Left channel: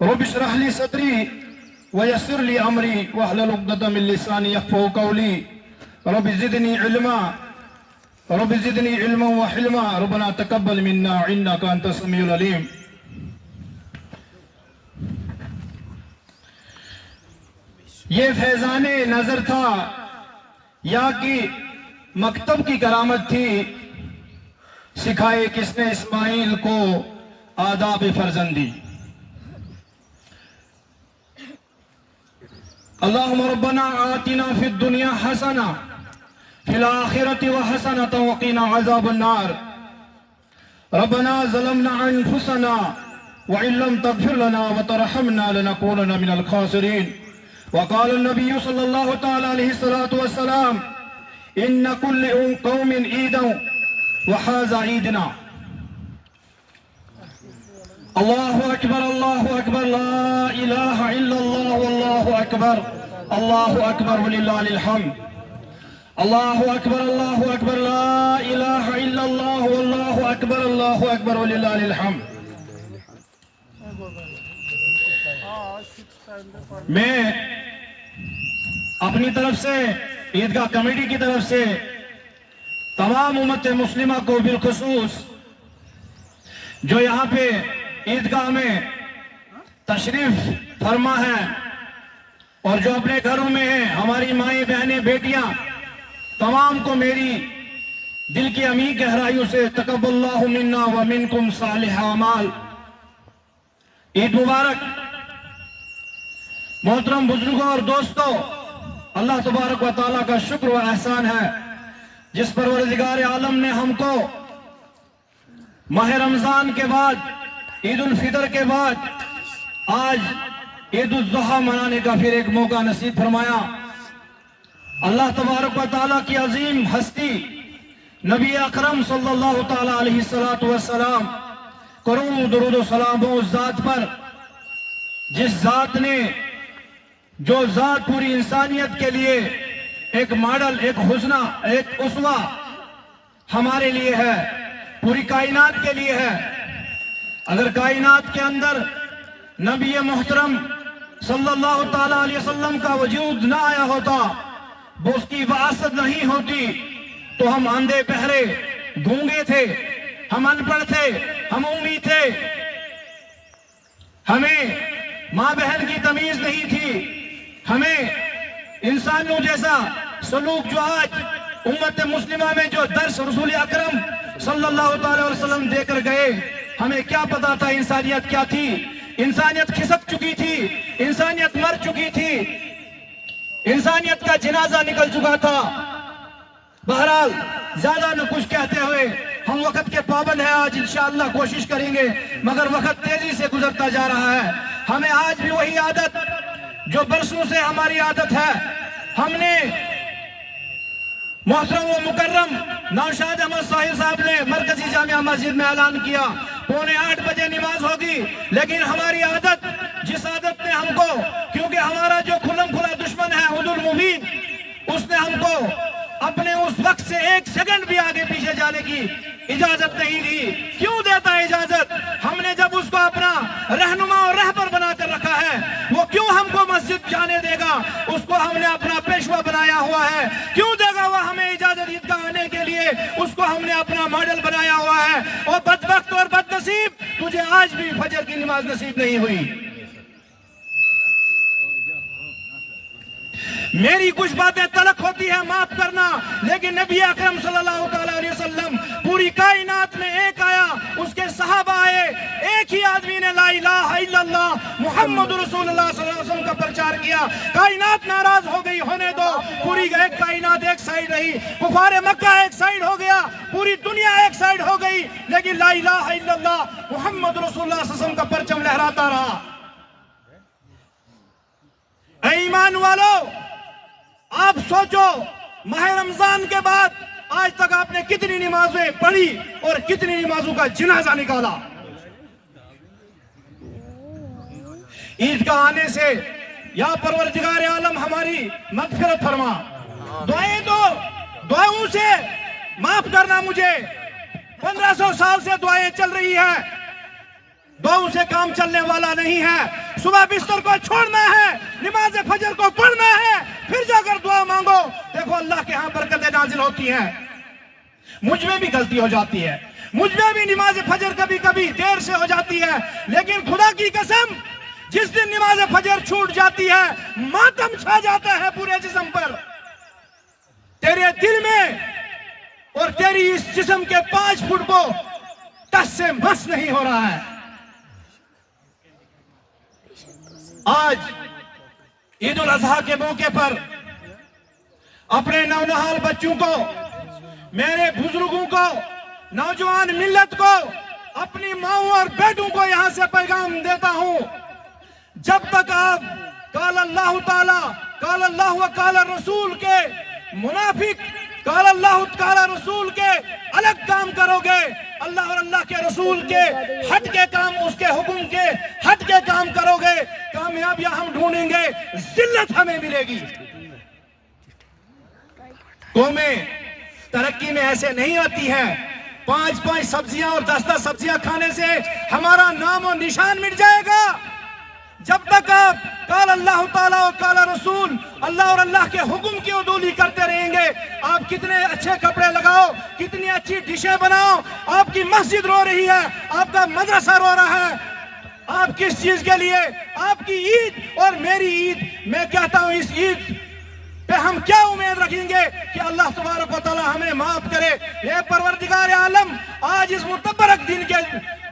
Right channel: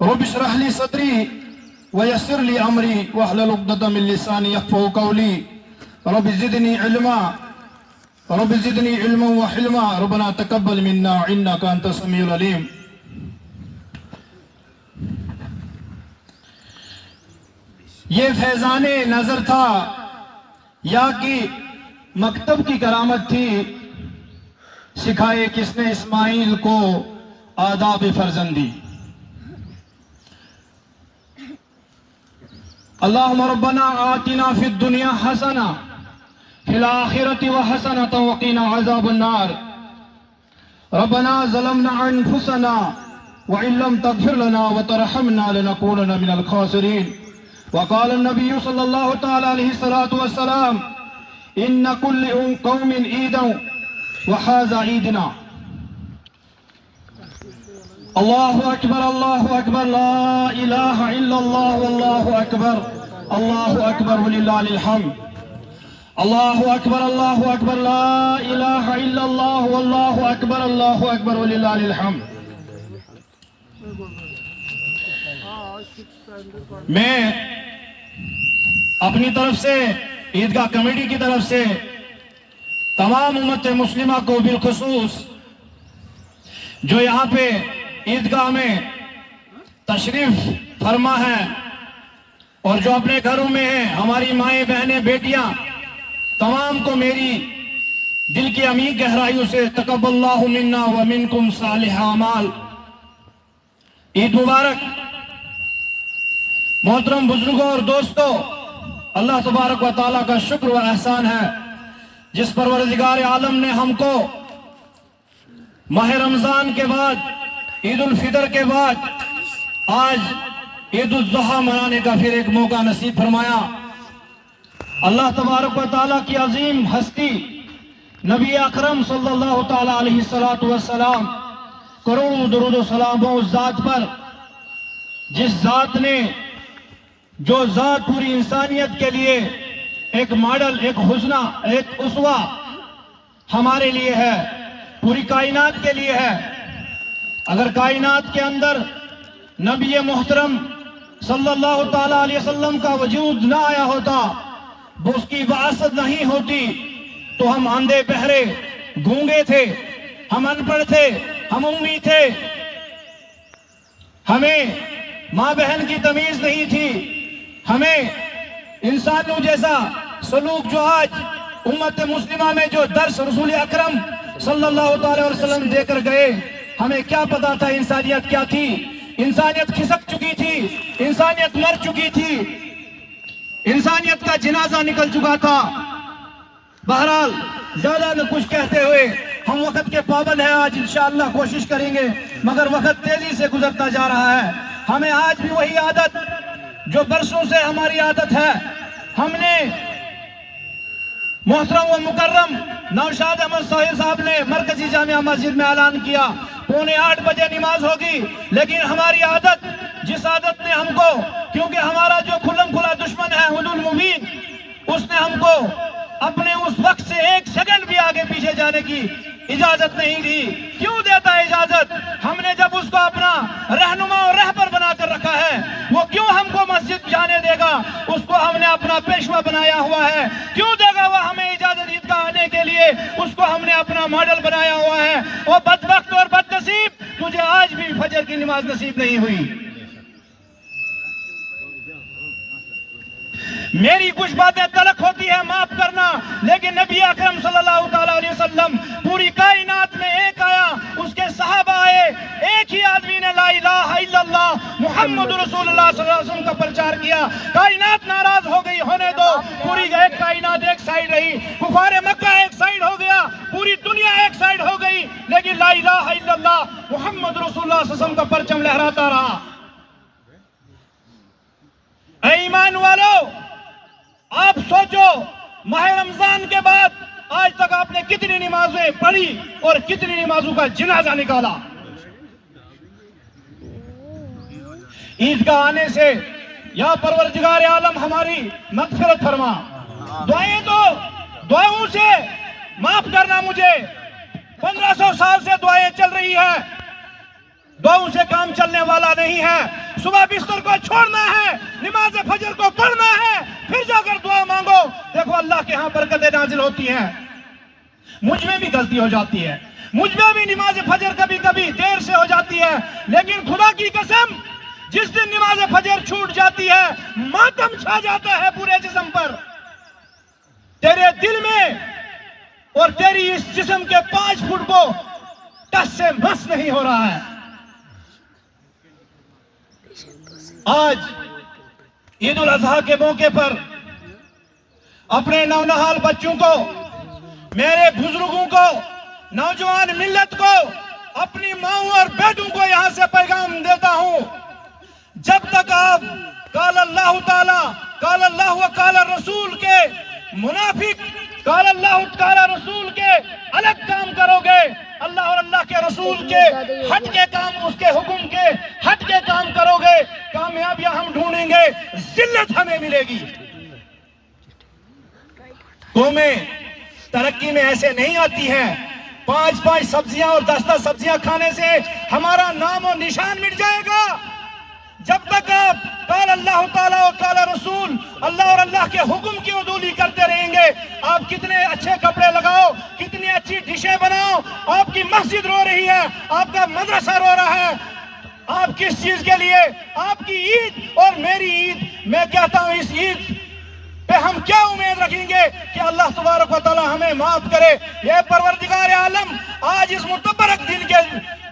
رب اشرح لي صدري ويسر لي امري واحلل عقدة من لساني يفقهوا قولي رب زدني علما وحلما ربنا تقبل منا انك انت السميع العليم. یہ فیضان نظر تھا یا کہ مکتب کی کرامت تھی، سکھائے کس نے اسماعیل کو آداب فرزندی. اللہم ربنا آتنا فی الدنیا حسنہ فی الآخرۃ وحسنۃ وقنا عذاب النار. ربنا ظلمنا انفسنا وإن لم تغفر لنا وترحمنا لنكونن من الخاسرین. وقال النبي صلى الله تعالى عليه الصلاة والسلام إن كل قوم عيدا وهذا عيدنا. الله أكبر الله أكبر لا إله إلا الله والله أكبر الله أكبر ولله الحمد. الله أكبر الله أكبر لا إله إلا الله والله أكبر الله أكبر ولله الحمد. میں اپنی طرف سے عیدگاہ کمیٹی کی طرف سے تمام امت مسلمہ کو بالخصوص جو یہاں پہ عیدگاہ میں تشریف فرما ہے اور جو اپنے گھروں میں ہیں، ہماری مائیں بہنیں بیٹیاں، تمام کو میری دل کی عمیق گہرائیوں سے تقبل اللہ منا ومنکم صالح اعمال. عید مبارک. محترم بزرگوں اور دوستوں، اللہ تبارک و تعالیٰ کا شکر و احسان ہے جس پروردگار عالم نے ہم کو ماہ رمضان کے بعد، عید الفطر کے بعد آج عید الاضحیٰ منانے کا پھر ایک موقع نصیب فرمایا. اللہ تبارک و تعالیٰ کی عظیم ہستی نبی اکرم صلی اللہ تعالیٰ علیہ السلام کروڑوں درود و سلام اس ذات پر جس ذات نے، جو ذات پوری انسانیت کے لیے ایک ماڈل، ایک حسنہ، ایک اسوہ ہمارے لیے ہے، پوری کائنات کے لیے ہے. اگر کائنات کے اندر نبی محترم صلی اللہ تعالیٰ علیہ وسلم کا وجود نہ آیا ہوتا، وہ اس کی وراثت نہیں ہوتی، تو ہم اندھے بہرے گونگے تھے، ہم ان پڑھ تھے، ہم امی تھے، ہمیں ماں بہن کی تمیز نہیں تھی، ہمیں انسانوں جیسا سلوک جو آج امت مسلمہ میں جو درس رسول اکرم صلی اللہ تعالی وسلم دے کر گئے، ہمیں کیا پتا تھا انسانیت کیا تھی. انسانیت کھسک چکی تھی، انسانیت مر چکی تھی، انسانیت کا جنازہ نکل چکا تھا. بہرحال زیادہ نہ کچھ کہتے ہوئے، ہم وقت کے پابند ہیں، آج انشاءاللہ کوشش کریں گے، مگر وقت تیزی سے گزرتا جا رہا ہے. ہمیں آج بھی وہی عادت جو برسوں سے ہماری عادت ہے، ہم نے محترم و مکرم نوشاد احمد سہیل صاحب نے مرکزی جامعہ مسجد میں اعلان کیا 7:45 بجے نماز ہوگی، لیکن ہماری عادت، جس عادت نے ہم کو، کیونکہ ہمارا جو کھلم کھلا دشمن ہے حدود المبین، اس نے ہم کو اپنے اس وقت سے 1 سیکنڈ بھی آگے پیچھے جانے کی اجازت نہیں دی. کیوں دیتا اجازت؟ ہم نے جب اس کو اپنا رہنما اور رہبر بنا کر رکھا ہے، وہ کیوں ہم کو مسجد جانے دے گا؟ اس کو ہم نے اپنا پیشوا بنایا ہوا ہے، کیوں دے گا وہ ہمیں اجازت عیدگاہ آنے کے لیے؟ اس کو ہم نے اپنا ماڈل بنایا ہوا ہے. اور بدبخت اور بدنصیب، تجھے آج بھی فجر کی نماز نصیب نہیں ہوئی. میری کچھ باتیں تلخ ہوتی ہیں، معاف کرنا، لیکن نبی اکرم صلی اللہ تعالیٰ علیہ وسلم پوری کائنات میں ایک آیا، اس کے صحابہ آئے، ایک ہی آدمی نے لا الہ الا اللہ محمد رسول اللہ صلی اللہ علیہ وسلم کا پرچار کیا. کائنات ناراض ہو گئی، ہونے دو. پوری ایک کائنات ایک سائیڈ رہی، کفار مکہ ایک سائیڈ ہو گیا، پوری دنیا ایک سائیڈ ہو گئی، لیکن لا الہ الا اللہ محمد رسول اللہ صلی اللہ علیہ وسلم کا پرچم لہراتا رہا. اے ایمان والو، آپ سوچو، ماہ رمضان کے بعد آج تک آپ نے کتنی نمازیں پڑھی اور کتنی نمازوں کا جنازہ نکالا. عید کا آنے سے یا پروردگار عالم ہماری مغفرت فرما. دعائیں دو، دعاؤں سے معاف کرنا. مجھے 1500 سال سے دعائیں چل رہی ہیں، دعاؤں سے کام چلنے والا نہیں ہے. صبح بستر کو چھوڑنا ہے, نماز فجر کو پڑھنا ہے, پھر جا کر دعا مانگو. دیکھو اللہ کے ہاں برکتیں نازل ہوتی ہیں. مجھ میں بھی غلطی ہو جاتی ہے, مجھ میں بھی نماز فجر کبھی کبھی دیر سے ہو جاتی ہے, لیکن خدا کی قسم جس دن نماز فجر چھوٹ جاتی ہے ماتم چھا جاتا ہے پورے جسم پر. تیرے دل میں اور تیری اس جسم کے 5 فٹ کو ٹس سے مس نہیں ہو رہا ہے. آج عید الاضحیٰ کے موقع پر اپنے نونہال بچوں کو, میرے بزرگوں کو, نوجوان ملت کو, اپنی ماؤں اور بیٹوں کو یہاں سے پیغام دیتا ہوں, جب تک آپ قال اللہ تعالی, قال اللہ و قال رسول کے منافق, قال اللہ تعالی رسول کے الگ کام کرو گے, اللہ اور اللہ کے رسول کے ہٹ کے کام, اس کے حکم کے ہٹ کے کام کرو گے, کامیابیاں ہم ڈھونڈیں گے, ذلت ہمیں ملے گی. قومیں ترقی میں ایسے نہیں آتی ہیں. 5 سبزیاں اور 10 سبزیاں کھانے سے ہمارا نام اور نشان مٹ جائے گا. جب تک آپ قال اللہ تعالیٰ و قال رسول, اللہ اور اللہ کے حکم کی عدولی کرتے رہیں گے. آپ کتنے اچھے کپڑے لگاؤ, کتنی اچھی ڈشیں بناؤ, آپ کی مسجد رو رہی ہے, آپ کا مدرسہ رو رہا ہے, آپ کس چیز کے لیے؟ آپ کی عید اور میری عید. میں کہتا ہوں اس عید پہ ہم کیا امید رکھیں گے کہ اللہ تبارک و تعالی ہمیں معاف کرے. یہ پروردگار عالم آج اس متبرک دن کے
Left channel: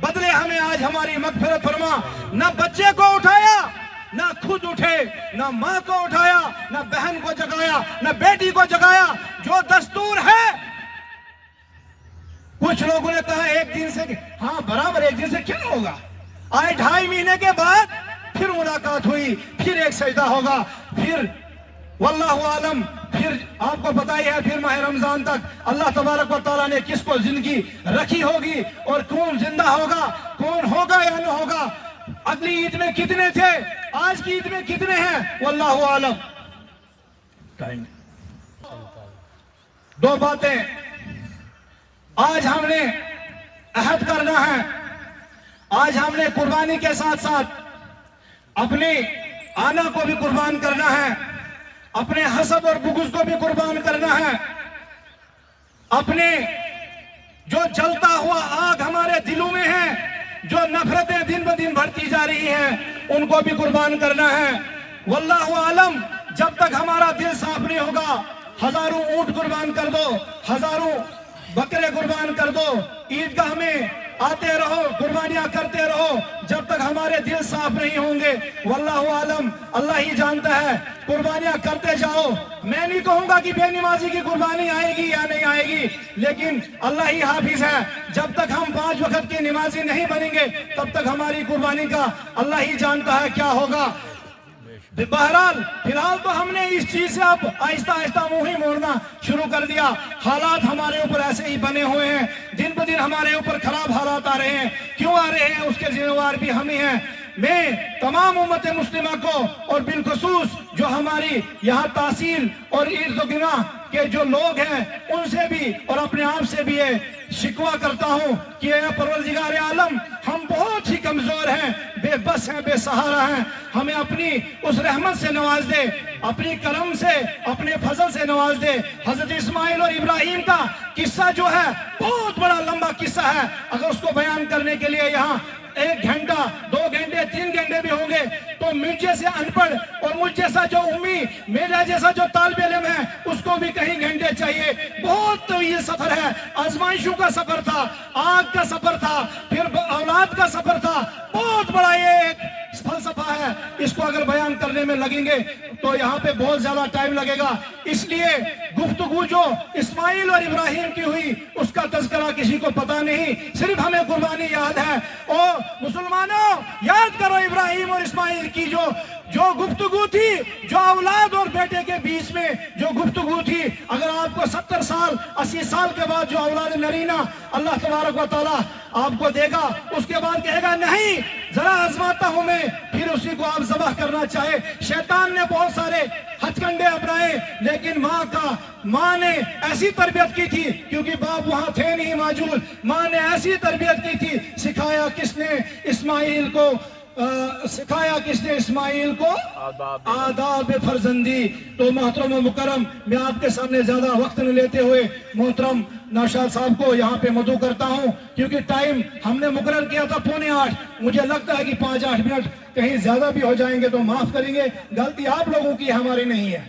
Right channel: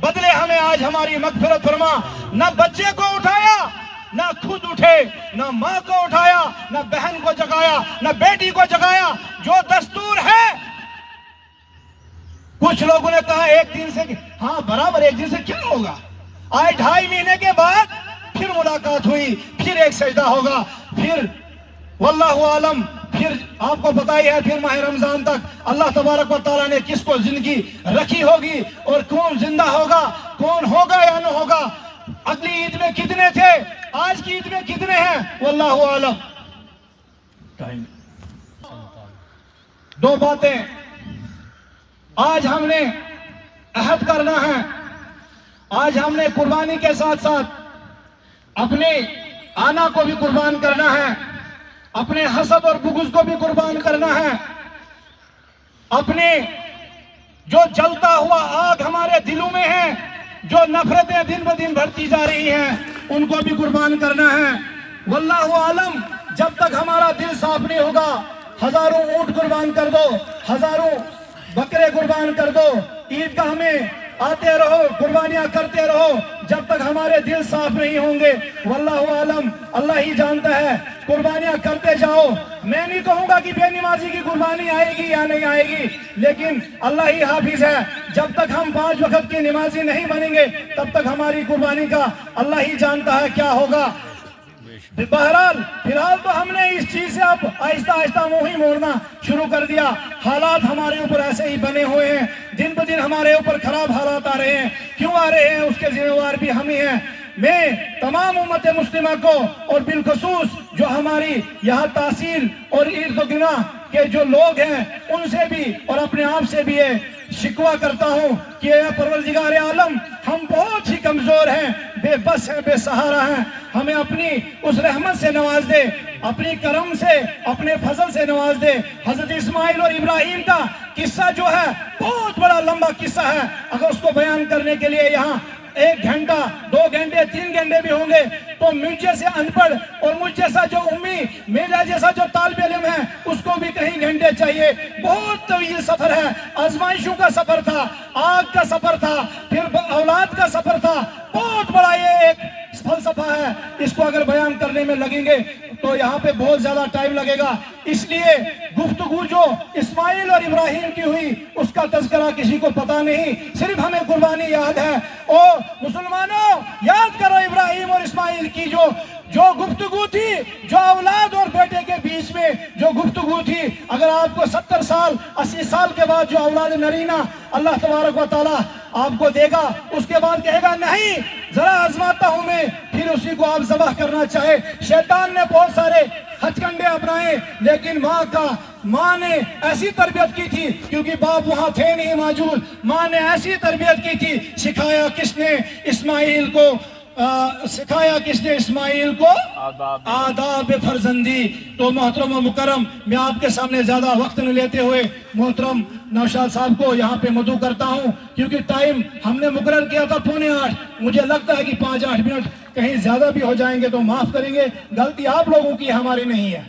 بدلے ہمیں آج ہماری مغفرت فرما. نہ بچے کو اٹھایا, نہ خود اٹھے, نہ ماں کو اٹھایا, نہ بہن کو جگایا, نہ بیٹی کو جگایا. جو دستور ہے, کچھ لوگوں نے کہا 1 دن سے, ہاں برابر 1 دن سے کیا ہوگا, آئے 2.5 مہینے کے بعد پھر ملاقات ہوئی, پھر ایک سجدہ ہوگا, پھر واللہ عالم, پھر آپ کو پتہ ہی ہے پھر ماہ رمضان تک اللہ تبارک و تعالیٰ نے کس کو زندگی رکھی ہوگی اور کون زندہ ہوگا, کون ہوگا یا نہ ہوگا. اگلی عید میں کتنے تھے, آج کی عید میں کتنے ہیں, واللہ عالم. 2 باتیں آج ہم نے عہد کرنا ہے. آج ہم نے قربانی کے ساتھ ساتھ اپنے آنا کو بھی قربان کرنا ہے, اپنے حسد اور بغض کو بھی قربان کرنا ہے, اپنے جو جلتا ہوا آگ ہمارے دلوں میں ہے, جو نفرتیں دن بہ دن بڑھتی جا رہی ہیں, ان کو بھی قربان کرنا ہے. واللہ عالم, جب تک ہمارا دل صاف نہیں ہوگا, ہزاروں اونٹ قربان کر دو, ہزاروں بکرے قربان کر دو, عیدگاہ میں آتے رہو, قربانیاں کرتے رہو, جب تک ہمارے دل صاف نہیں ہوں گے, واللہ عالم اللہ ہی جانتا ہے. قربانیاں کرتے جاؤ. میں نہیں کہوں گا کہ بے نمازی کی قربانی آئے گی یا نہیں آئے گی, لیکن اللہ ہی حافظ ہے. جب تک ہم 5 وقت کی نمازی نہیں بنیں گے, تب تک ہماری قربانی کا اللہ ہی جانتا ہے کیا ہوگا. بہرحال فی الحال تو ہم نے اس چیز سے اب آہستہ آہستہ منہ ہی موڑنا شروع کر دیا. حالات ہمارے اوپر ایسے ہی بنے ہوئے ہیں, دن بہ دن ہمارے اوپر خراب حالات آ رہے ہیں. کیوں آ رہے ہیں, اس کے ذمہ دار بھی ہم ہی ہیں. میں تمام امت مسلمہ کو اور بالخصوص جو ہماری یہاں تحصیل اور ارد گرد کے جو لوگ ہیں ان سے بھی اور اپنے آپ سے بھی شکوہ کرتا ہوں کہ اے پروردگار عالم, ہم بہت ہی کمزور ہیں, بے بس ہیں, بے سہارا ہیں. ہمیں اپنی اس رحمت سے نواز دے, اپنی کرم سے, اپنے فضل سے نواز دے. حضرت اسماعیل اور ابراہیم کا قصہ جو ہے بہت بڑا لمبا قصہ ہے. اگر اس کو بیان کرنے کے لیے یہاں 1 گھنٹہ 2 گھنٹے 3 گھنٹے بھی ہوں گے تو مجھ جیسے ان پڑھ اور مجھ جیسا جو امی, میرا جیسا جو طالب علم ہے, اس کو بھی کہیں گھنٹے چاہیے. بہت طویل سفر ہے, آزمائشوں کا سفر تھا, آگ کا سفر تھا, پھر اولاد کا سفر تھا. بہت بڑا یہ ایک فلسفہ ہے. اس کو اگر بیان کرنے میں لگیں گے تو یہاں پہ بہت زیادہ ٹائم لگے گا. اس لیے گفتگو جو اسماعیل اور ابراہیم کی ہوئی اس کا تذکرہ کسی کو پتا نہیں, صرف ہمیں قربانی یاد ہے. اور مسلمانوں یاد کرو ابراہیم اور اسماعیل کی جو گفتگو تھی, جو اولاد اور بیٹے کے بیچ میں جو گفتگو تھی. اگر آپ کو 70 سال 80 سال کے بعد جو اولاد نرینہ اللہ تبارک و تعالی آپ کو دے گا, اس کے بعد کہے گا نہیں ذرا آزماتا ہوں میں, پھر اسی کو آپ ذبح کرنا چاہے. شیطان نے بہت سارے ہتھ کنڈے اپنائے, لیکن ماں نے ایسی تربیت کی تھی، کیونکہ باپ وہاں تھے نہیں موجود، ماں نے ایسی تربیت کی تھی، سکھایا کس نے اسماعیل کو آداب فرزندی۔ تو محترم و مکرم، میں آپ کے سامنے زیادہ وقت نہ لیتے ہوئے محترم نوشاد صاحب کو یہاں پہ مدعو کرتا ہوں، کیونکہ ٹائم ہم نے مقرر کیا تھا 7:45، مجھے لگتا ہے کہ 5-8 منٹ کہیں زیادہ بھی ہو جائیں گے تو معاف کریں گے، غلطی آپ لوگوں کی ہماری نہیں ہے۔